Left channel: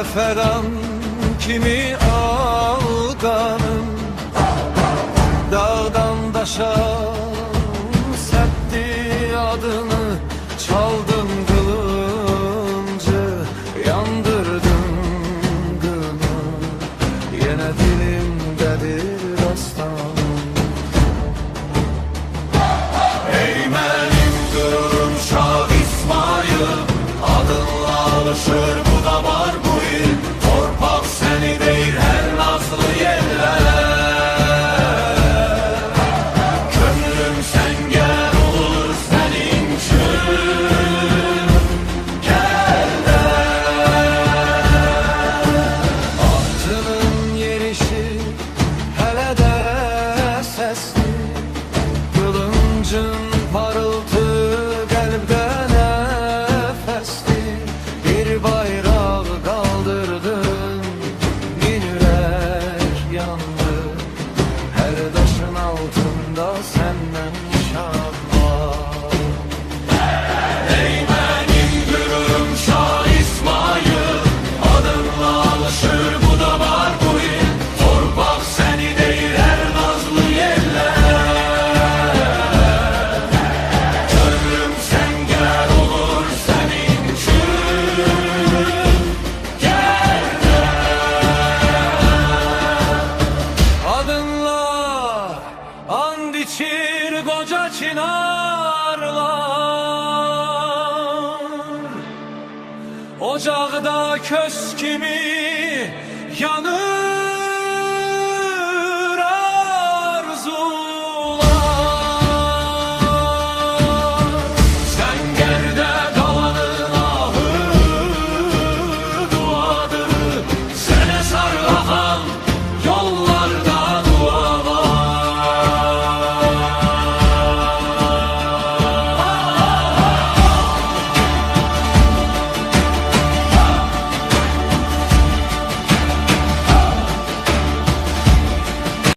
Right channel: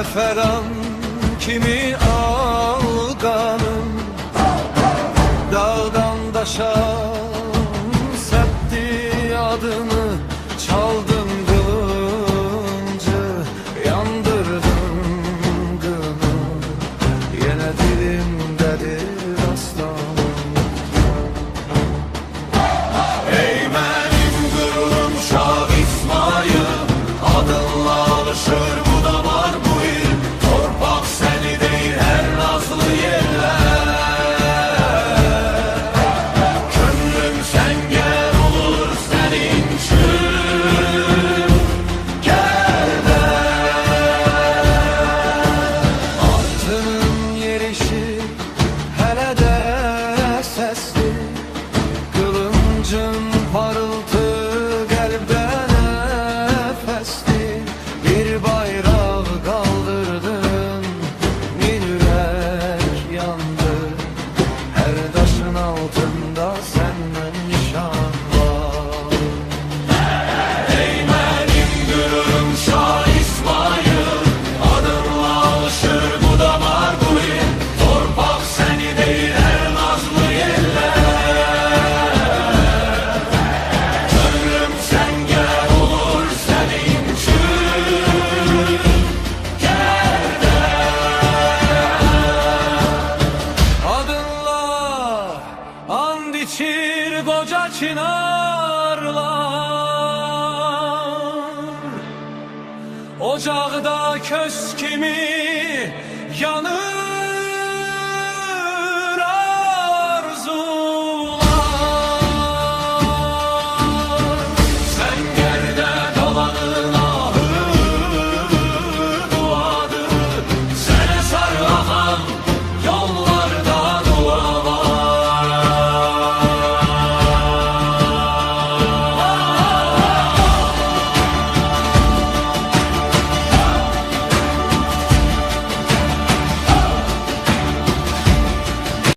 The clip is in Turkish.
Zəfəran kimi ağanım, dağdan daşa səpdi adını. Çaldın kılıncı, yandırdın gını, yine dilimdedir dastanım. Ey benim gururum Şah İsmail, adınla alışır bu damar bu il. Torpak seni deyir her nazlı yerler. Könlüm sen gel olur senin için. Gel de atının yerişi hele de sesli. Kılıncın parıltı kalpte nefesli. Bir bayrak kaldırdın, min yürek yandı. Her taşın altında senden nişan var. Ey benim gururum Şah İsmail, adınla alışır bu damar bu il. Torpak seni değil her nazlı yeller. Gönlüm sen gel olur senin için. Gel de adınla and içir koca çınarlar. Ocakta köz kimi yanır.